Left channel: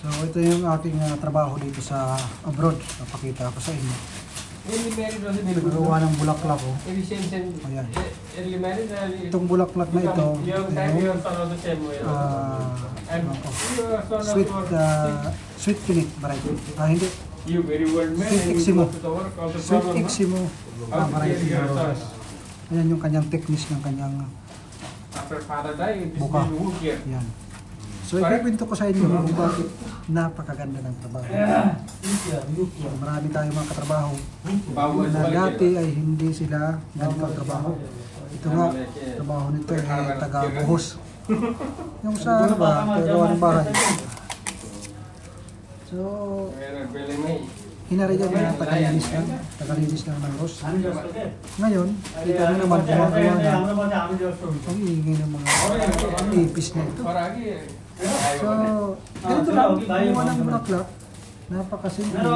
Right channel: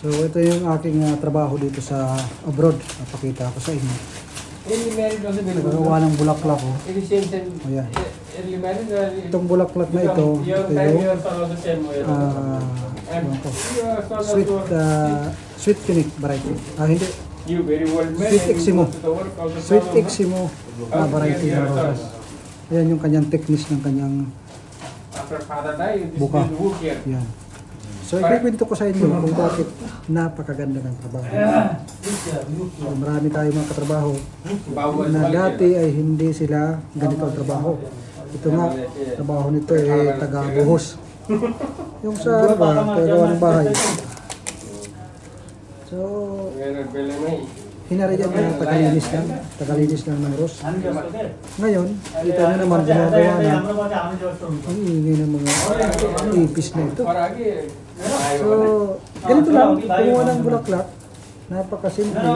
So ito yung aking trabaho dito sa abroad. Napakita ko sa inyo. Nagagawa ng bulaklak ko. Ayan. Itong bulaklak na ito yung sweet pink variety. Hindi. Sweet Eximo. Sweet Eximo na variety ng roses. Ayan yung kanyang technique ng kanyang buka. Ayan. So ikikwento ko sa inyo kung bakit napakaganda ng trabaho. So, marami tayong mga katrabaho na dati ay hindi sila ganito ang trabaho. Ito nga, trabaho nito ay taga-buhos. Yung sa tagagawa ng bahay. So, hinariyan na tagalinis lang ng rose. Ngayon, kita nyo naman gumagawa na ang ingay ng mga ipis na ito. So, ganito lang, kumuha ng bulaklak, napakasimple.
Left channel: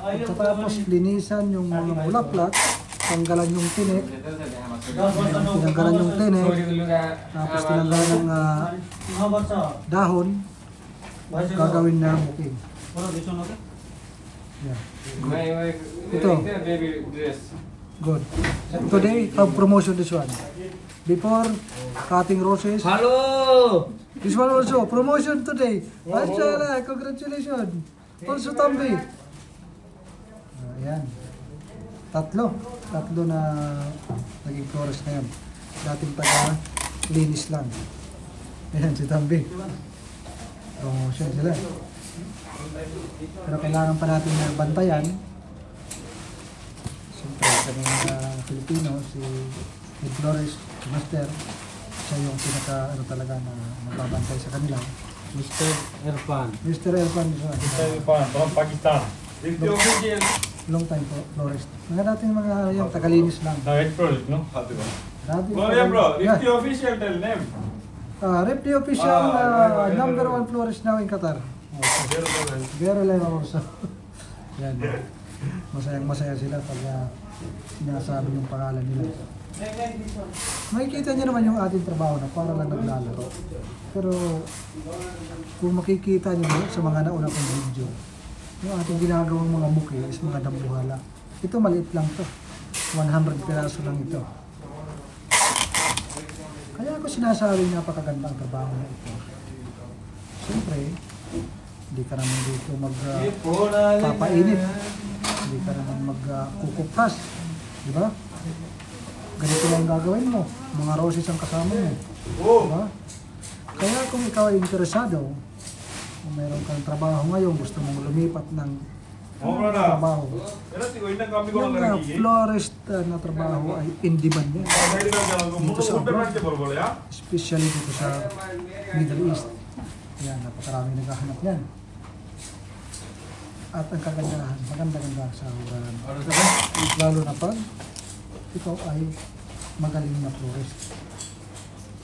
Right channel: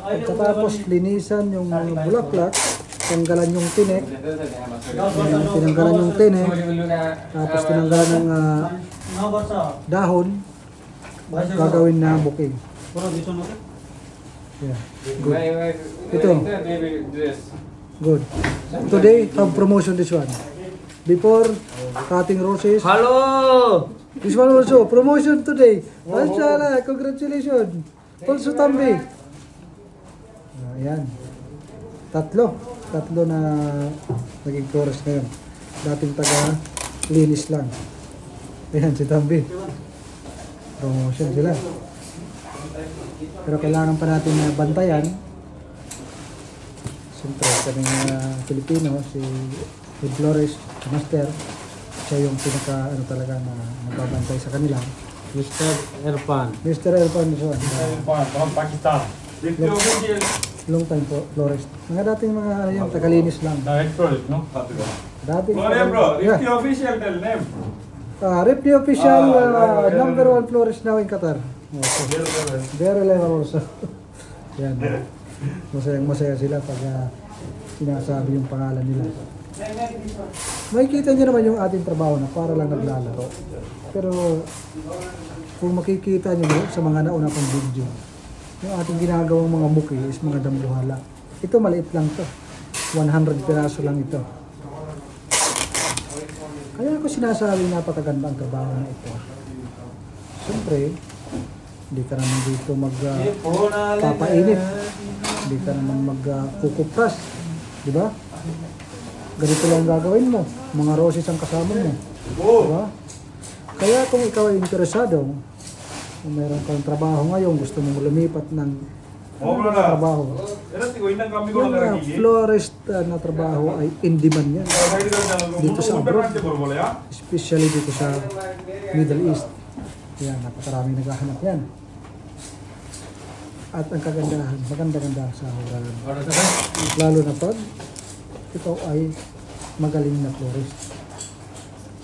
Pagkatapos linisan yung mga bulaklak, tanggalan yung tinik, tinanggalan yung tinik, tapos tinanggalan ng dahon, gagawin na booking. Yeah, good. Ito. Good. Today, have promotion this one. Before cutting roses. Hello! This one also, promotion today. Mashallah, congratulations. Also Tambi. Ayan. Tatlo na naging chorus ngayon. Dating taga-linis lang. Ayan si Tambi. Promotion sila. Pero kailangan pa natin na bantayan. Siyempre, kanina Pilipino, si Flores Master, siya yung pinaka talaga na nagbabantay sa kanila. Mr. Irfan. Mr. Irfan siya. Mr. Irfan from Pakistan. Long time po, Flores. Mga dating mga yan, tagalinis lang. No, it's Flores, no? Dating Bro, Rifty official, tell them. Rifty official, number 1 Flores now in Qatar. Very level also. Yan. Masaya sila pag sinasabi yung pangalan nila. Makikita nyo naman yung ating trabaho na para lang naglalaro. Pero kung makikita nyo sa mga nauna kong video, yung ating ginagawang mga bouquet is mga dambuhala. Ito maliit lang to. 100 piraso lang ito. Kaya ako sinasabi napakagandang trabaho na ito. Siyempre, hindi ka naman dito magpapainit. Hindi ka naman magkukupras. Diba? Ganito lang gagawin mo. Mga roses ang kasama mo. Diba? Kaya kung ikaw ay interesado, kung meron kang trabaho ngayon, gusto mong lumipat ng trabaho, yung florist na trabaho ay in demand yan. Dito sa abroad, especially dito sa Middle East. Yan, napakaraming naghahanap yan. At ang kagandahan, maganda-ganda sa huralan. Lalo na pag ikaw ay magaling na florist.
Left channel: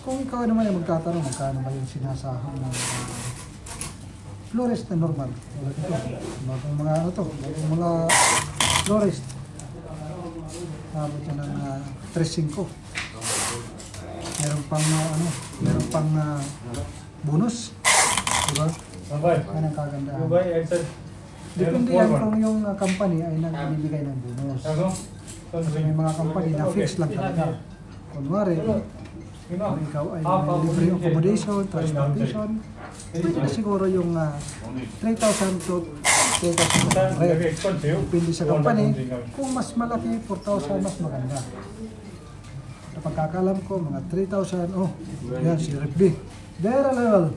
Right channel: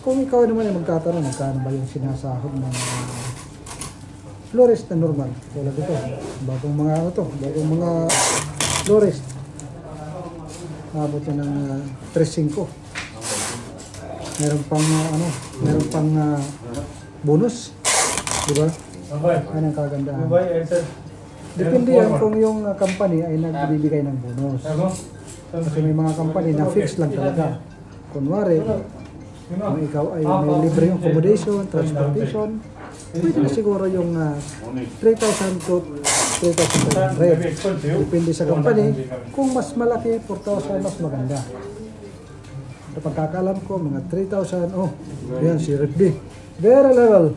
Kung ikaw naman ay magtatanong, magkano ba yung sinasahod ng florist na normal? Tulad ito, bagong mga florist. Abot yan ng 3.5. Meron pang bonus. Diba? Yan ang kagandahan. Depende yan kung yung company ay nagbibigay ng bonus. Kasi may mga company na fix lang talaga. Kunwari, kung ikaw ay may libre yung accommodation, transportation, pwede na siguro yung 3,000 to 3,500. Depende sa company. Kung mas malaki, 4,000 mas maganda. Sa pagkakalam ko, mga 3,000, oh, yan si Rep B. Very level.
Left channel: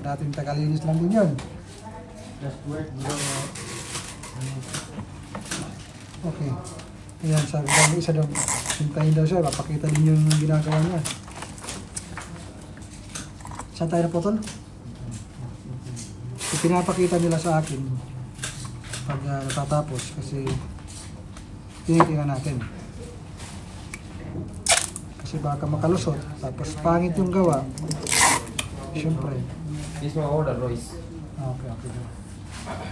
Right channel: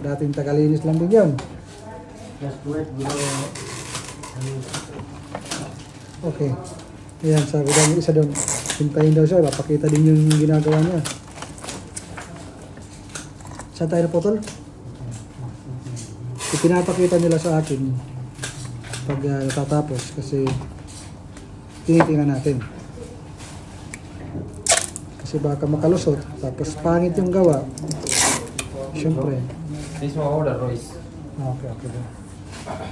Dating tagalinis lang din yan. Okay. Ayan, sabi daw yung isa doon. Hintayin daw siya, papakita din yung ginagawa niya. Saan tayo na potol? Pinapakita nila sa akin pag natatapos kasi tinitingnan natin. Kasi baka makalusot, tapos pangit yung gawa. Siyempre. This one order, Royce. Okay.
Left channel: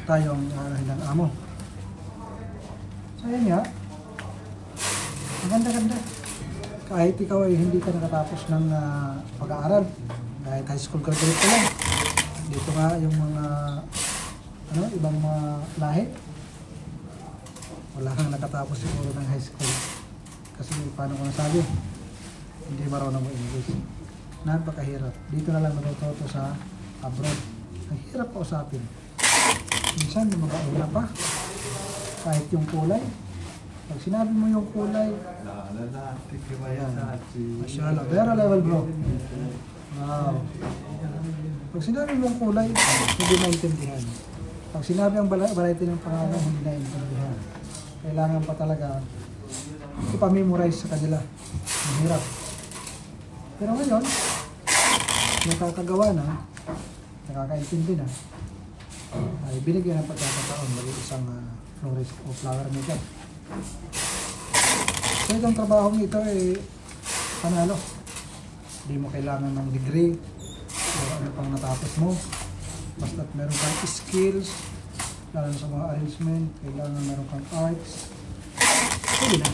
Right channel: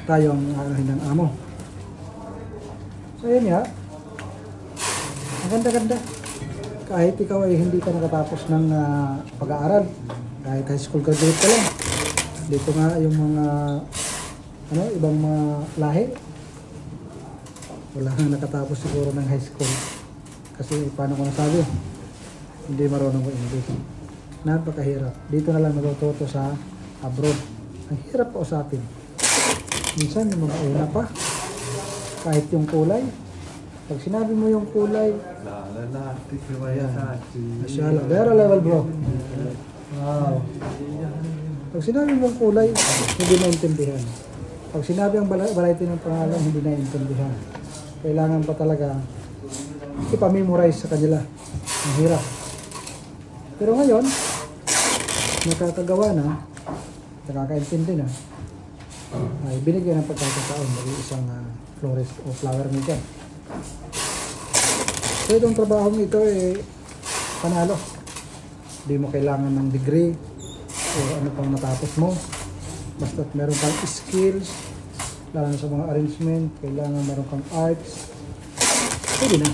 Tayo ang hindang amo. So yan ya. Ang ganda-ganda. Kahit ikaw ay hindi ka nakatapos ng pag-aaral, kahit high school graduate ka lang, Dito nga yung mga ibang mga lahi. Wala nang nakatapos siguro ng high school. Kasi paano ko nasabi, hindi marunong mo English. Napakahirap. Dito na lang natututo sa abroad. Ang hirap pa usapin. Minsan yung mga una pa, kahit yung kulay. Pag sinabi mo yung kulay, mashallah, very level bro. Wow. Pag sinabi mo yung kulay, hindi naintindihan. Pag sinabi ang variety ng pangalan, hindi naintindihan. Kailangan pa talaga ipamemorize sa kanila. Ang hirap. Pero ngayon, nakakagawa na, nakakaintindi na, ay binigyan ng pagkakataon ng isang florist o flower maker. So itong trabaho ito panalo. Hindi mo kailangan ng degree o ano pang natapos mo. Basta meron kang skills, lalo sa mga arrangement, kailangan meron kang arts. Pwede na.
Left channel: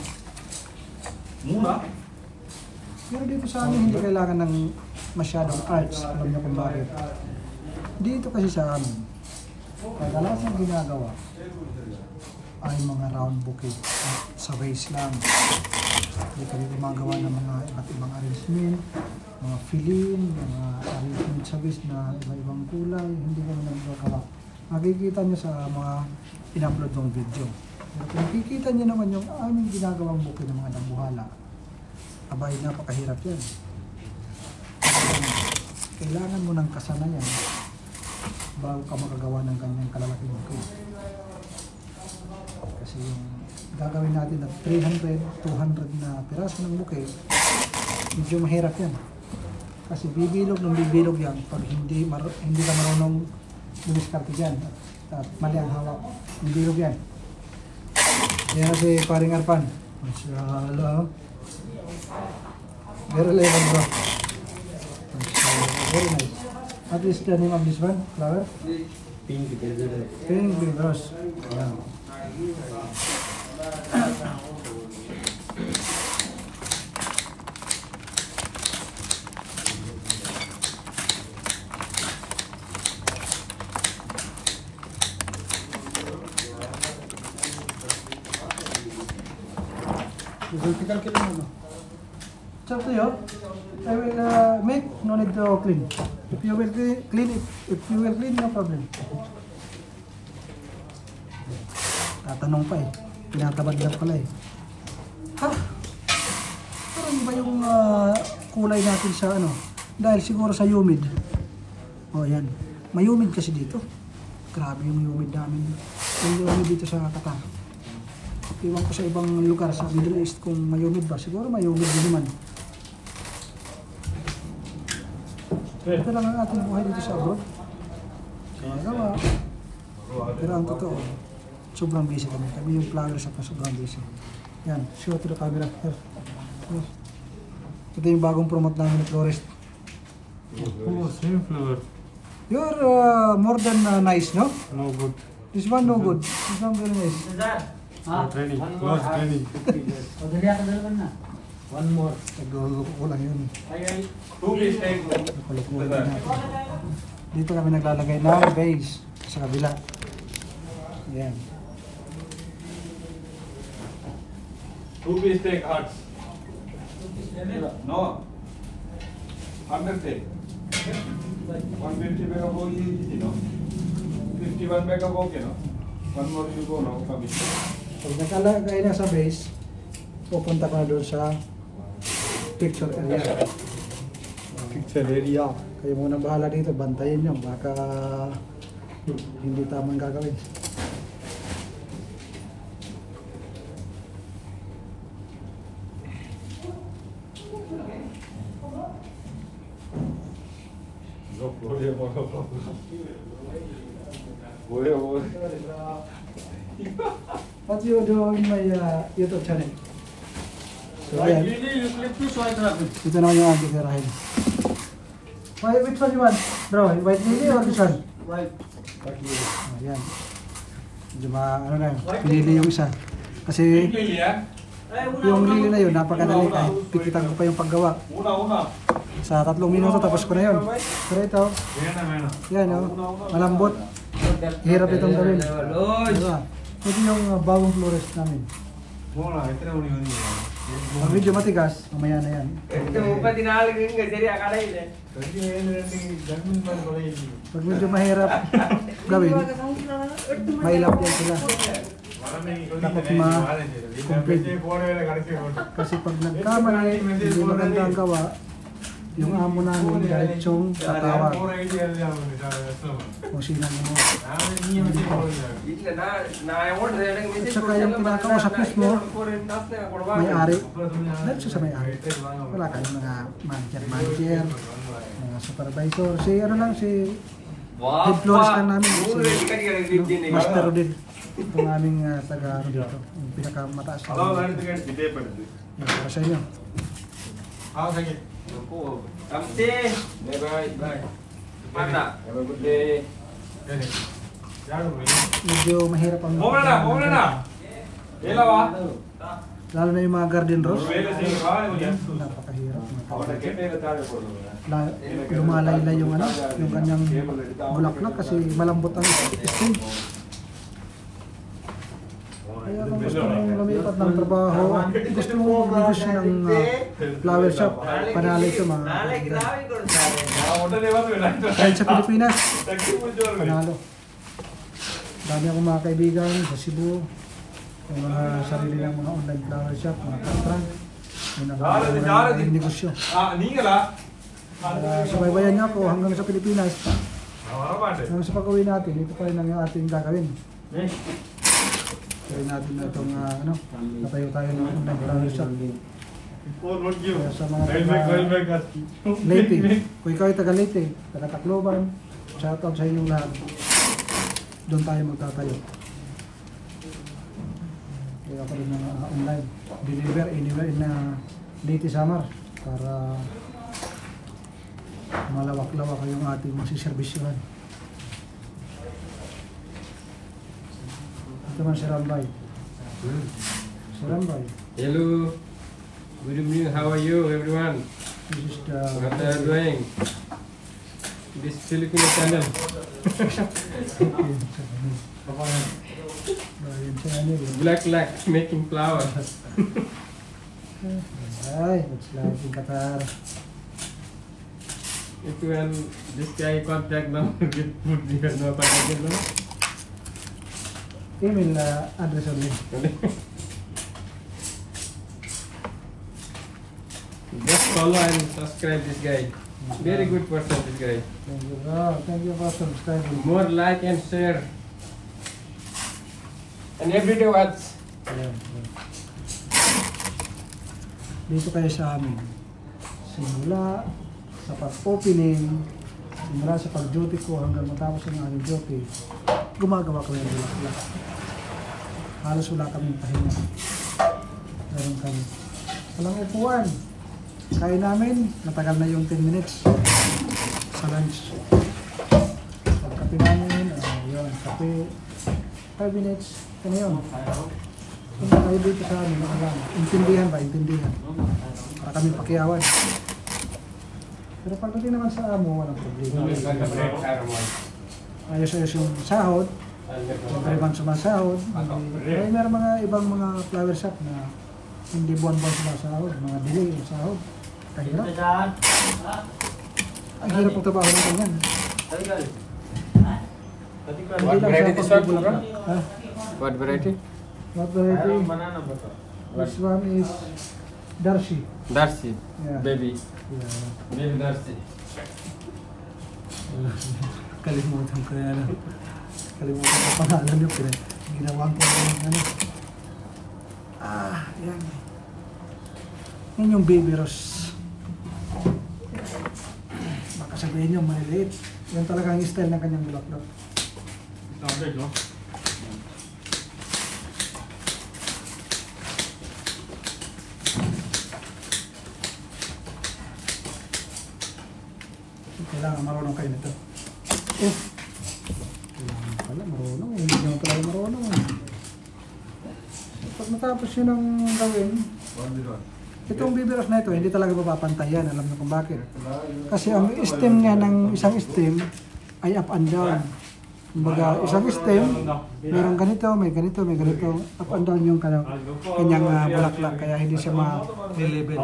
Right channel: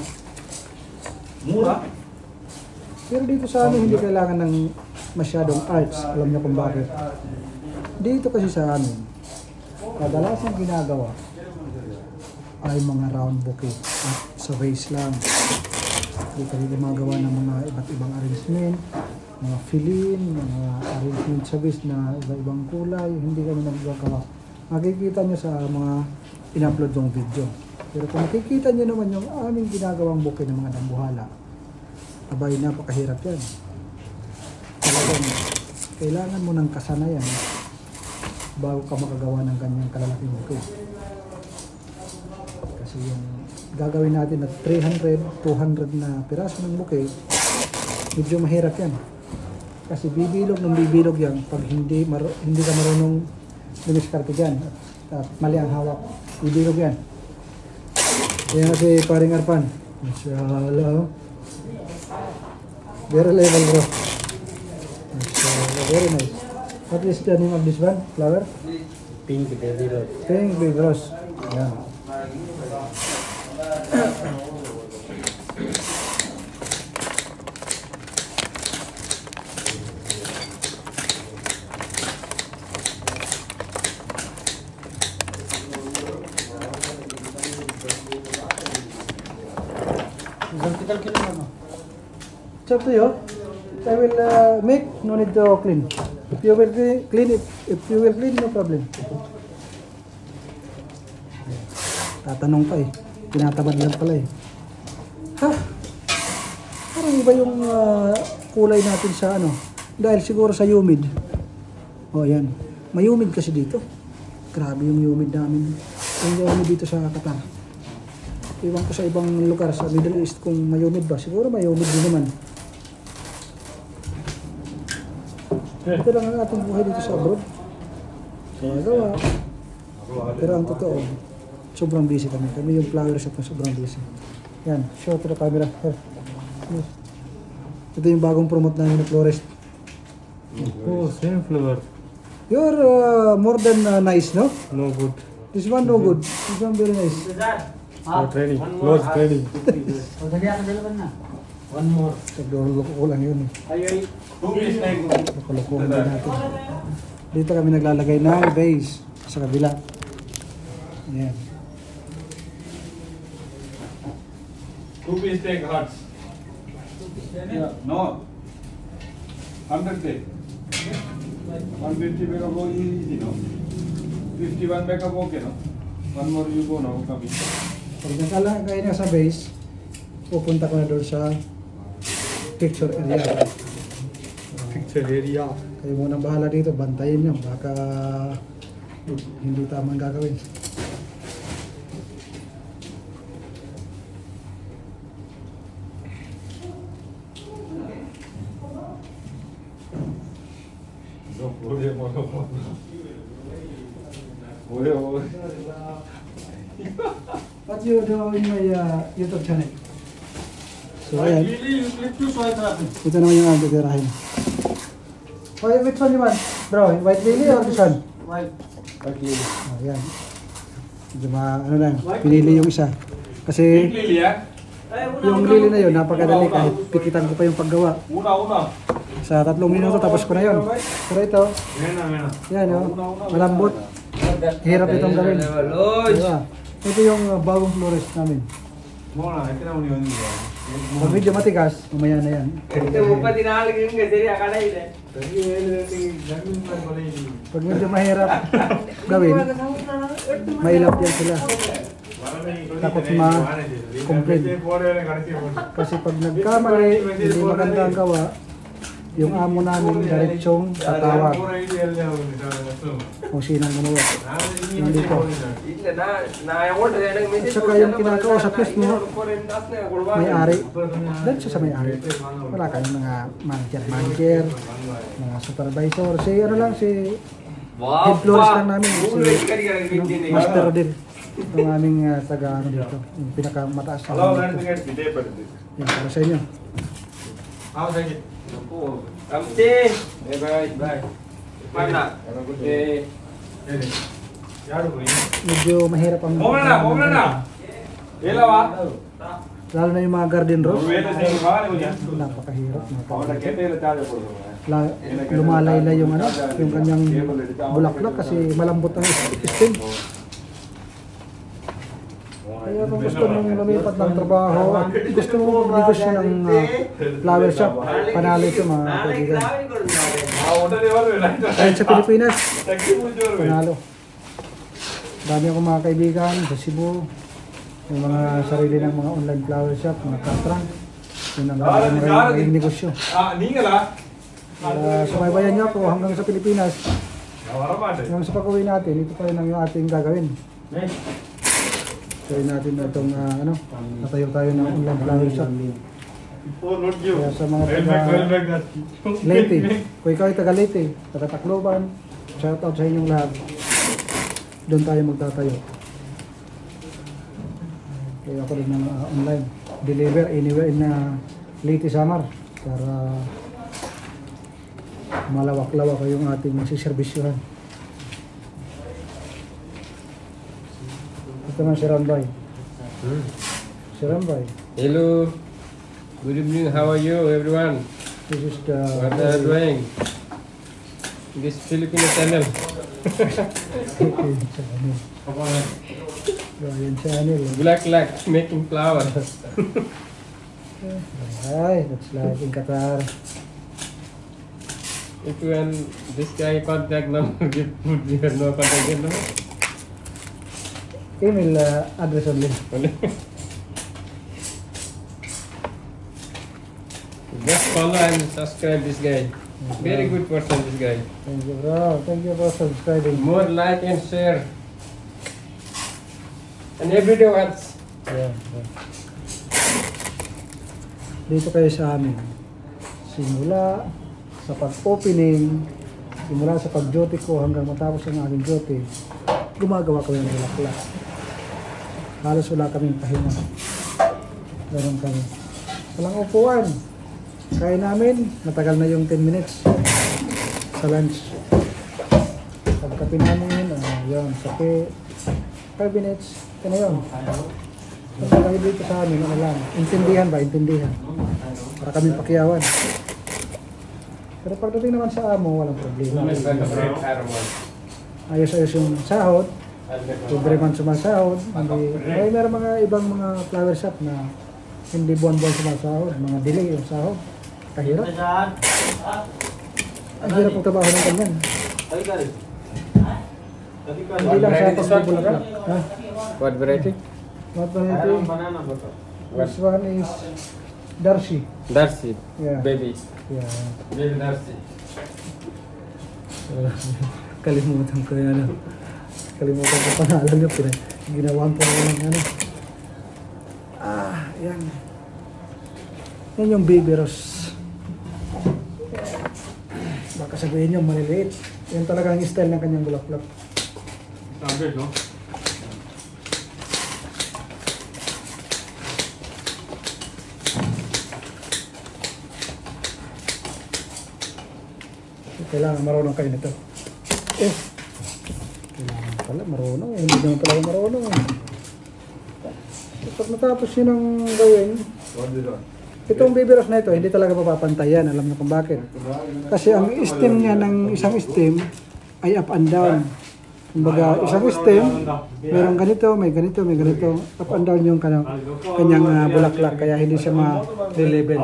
Mura? Pero dito sa amin hindi kailangan ng masyadong arts. Alam niyo kung bakit. Dito kasi sa amin, kadalasan ginagawa ay mga round bouquet at sa vase lang. Dito rin gumagawa ng mga iba't ibang arrangement, mga fill-in, mga arrangement sa vase na iba-ibang kulay. Hindi kami nagagawa. Makikita nyo sa mga in-upload ng video. Pero kung makikita nyo naman yung aming ginagawang bouquet ng mga dambuhala, abay, napakahirap yan. Kailangan mo ng kasanayan bago ka makagawa ng ganyang kalalaking bouquet. Kasi yung gagawin natin at 300, 200 na piraso ng bouquet, medyo mahirap yan. Kasi bibilog ng bibilog yan pag hindi ka marunong dumiskarte dyan at mali ang hawak. Bibilog yan. Kaya si paring Arpan. Mashallah. Very level bro. Very nice. At least the name of this one, flower? Pink baby rose. Pink baby rose. Yan. It's up to you. I will make, no need to clean. If you will clean, if you will clean, no problem. Tatanong pa tinatabad lang pala Ha? Parang iba yung kulay natin sa dahil siguro sa humid. Yan. May humid kasi dito. Grabe yung humid namin. Yung humid dito sa Qatar. Iwan ko sa ibang lugar sa Middle East kung may humid ba. Siguro may humid din naman. Ito lang ang ating buhay dito sa abroad. Gawa. Pero ang totoo, sobrang busy kami. Kami yung flower shop na sobrang busy. Yan, show to the camera. Here. Ito yung bagong promote namin na florist. Oh, same flavor. You're more than nice, no? No good. This one no good. This one very nice. No training. No training. One more. Loko ko lang yun Loko-lokohan din natin. Dito kami naglalagay ng base sa kabila. Yan. 2 piece take hearts. No. 100 take. 150 mega ball easy, no? 51 mega ball, no? One more you go, no? Pag naglalagay na sa base, pupunta ko na doon sa picture area. Picture area. Kayo muna bahala dito, bantayin nyo. Baka hindi tamang gagawin. What you do in my YouTube channel? So ayan. Ito naman yung ang titirahin. Which one you want? Bro, white lily or this one? White. Ayan. Medyo lang, pinili yung isa. Kasi yung lily na yun, napakadali kahit pikitan ko pa yung paggawa. Una. Sa 3 minuto tapos ko na yun. Pero ito, yan o, malambot. Hirap itong gawin. Diba? Ito yung bagong florist namin. Pag medyo matigas, mamaya na yan. Pag medyo mahirap gawin, mailap yan sila. Takot ma-complain. Kasi pag nagkamali, hindi maganda ang gawa, yung amo namin diretsong tatawag kung sinong manuwa. Hindi ko. At saka yung kinakausap mismo, may-ari. Diretso sa may-ari. Wala kayong mga manager, mga supervisor. Si ano lang, si head florist lang namin. Si Master Rodel. Itong aming taga ano dito. Yung pinakamataas na dito. Yan, para sa inyo. Thank you. Kamsi. Bye. Mana? Medyo mahirap ang lalo na yung mga garden rose. Napakahirap lumalayla yung ano, yung kanyang bulaklak kasi malambot ang stem. Kaya kung gusto mong lumipat ng trabaho at gusto mong negosyo ng flower shop, panalo ito mga kaibigan. Kahit sa Pilipinas, panalo. Dami akong mga kaibigan sa Cebu, yung mga sarili ng mga online flower shop, mga katrang, yun ang mga negosyo. Sumaybayan niyo ako hanggang sa Pilipinas. Hanggang sa pag-uwi natin, ito pa rin ang ating gagawin. Kaya natin na itong natayo tayo ng online flower shop. Kaya sa mga taga Leyte, kung ikaw ay taga Leyte, taga Tacloban, shoutout sa inyong lahat. Doon tayo magtatayo. Kaya ako rin ng online. Deliver anywhere in Leyte, Samar para malawak-lawak yung ating masiservisyohan. Ito man si Rambay. Si Rambay. Hello. Good evening. How are you, everyone? This is the... What are you doing? This Filipino channel. Brian Channel. Black making flower. Hi, that's like in Qatar. If you want this guy contact number, give food here, no contact number. Email address only. Just follow and subscribe this guy. Very good person, this guy. Thank you, bro. Thank you for subscribing. More like and share. And every day watch. Yeah. Dito kayo sa amin. Simula sa pag-opening, simula sa pag-duty ko hanggang matapos ang aking duty, gumagawa kami ng bulaklak. Halos wala kaming pahinga. Ganun kami. Walang upuan. Kain namin, matagal na yung 10 minutes sa lunch. Pagkape namin, yun, kape, 5 minutes, ito na yun. Kung kayo dito sa amin, ano lang, intindihan ba? Intindihan. Para kami pakiyawan. Pero pagdating naman sa amo, walang problema. Ayos-ayos yung sahod. Every month sumasahod. May meron mga ibang mga flower shop na hindi buwan-buwan sumasahod. Mga delay yung sahod. Kahirap. Ang hirap ang trabaho ng ganyan. Hindi lang sa pagbubulaklak. What variety? What variety? This one is Darcy. Darcy. Yeah. Baby. Yeah. Baby Darcy. Kalimutan ko yan. Kalimutan ko pangalan niyo. Ginawan ko ng ano. Yan. Yun yung baby rose. Baka sabihin niyo maliliit. Yan talaga ang style ng kanyang bulaklak. Standard, no? Kailangan marunong kayo nito. Kailangan pala marunong. Hindi naman pala marunong. So, pag natapos yun ang gawin, Itong baby rose na ito, hindi talaga mapapantayan. Alam niyo kung bakit. Kasi ang stem niya ng isang stem ay up and down. Kumbaga, isang stem, merong ganito, may ganito, may ganito. Up and down yung kanyang bulaklak, kaya hindi siya ma-level.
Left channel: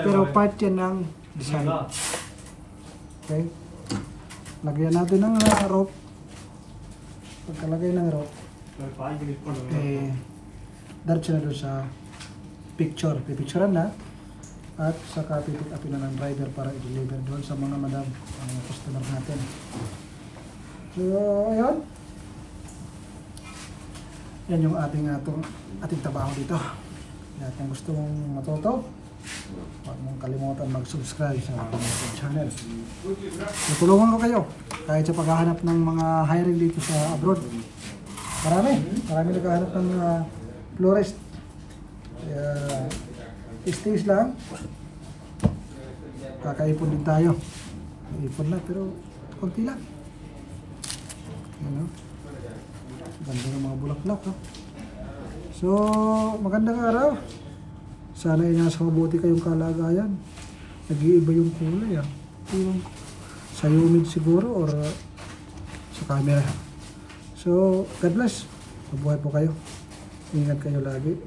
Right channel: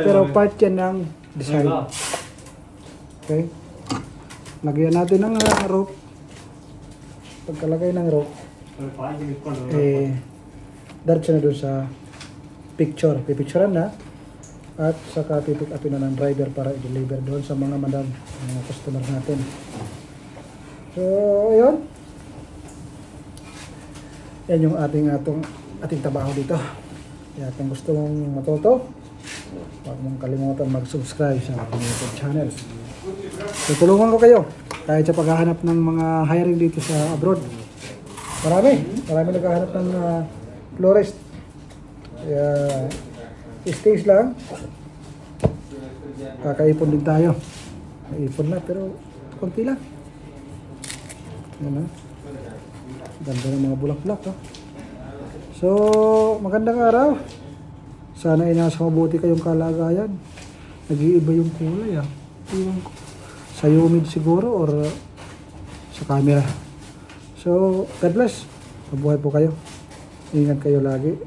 Pero part yan ng design. Okay? Lagyan natin ng rope. Pagkalagay ng rope, diretso na doon sa picture. Pipicturean na. At saka pipick upin na ng driver para i-deliver doon sa mga madam, mga customer natin. So, ayun. Yan yung ating trabaho dito. Kaya kung gusto mong matuto, huwag mong kalimutan mag-subscribe sa ating YouTube channel. So, tulungan ko kayo kahit sa paghahanap ng mga hiring dito sa abroad. Marami naghahanap ng florist. Kaya stage lang. Kakaipon din tayo. Kaipon na pero konti lang. Ano? Ganda ng mga bulaklak, ha? So, magandang araw. Sana ay nasa mabuti kayong kalagayan. Nag-iiba yung kulay, ha? Iwan ko. Sa humid siguro or sa camera. So, God bless. Mabuhay po kayo. Ingat kayo lagi.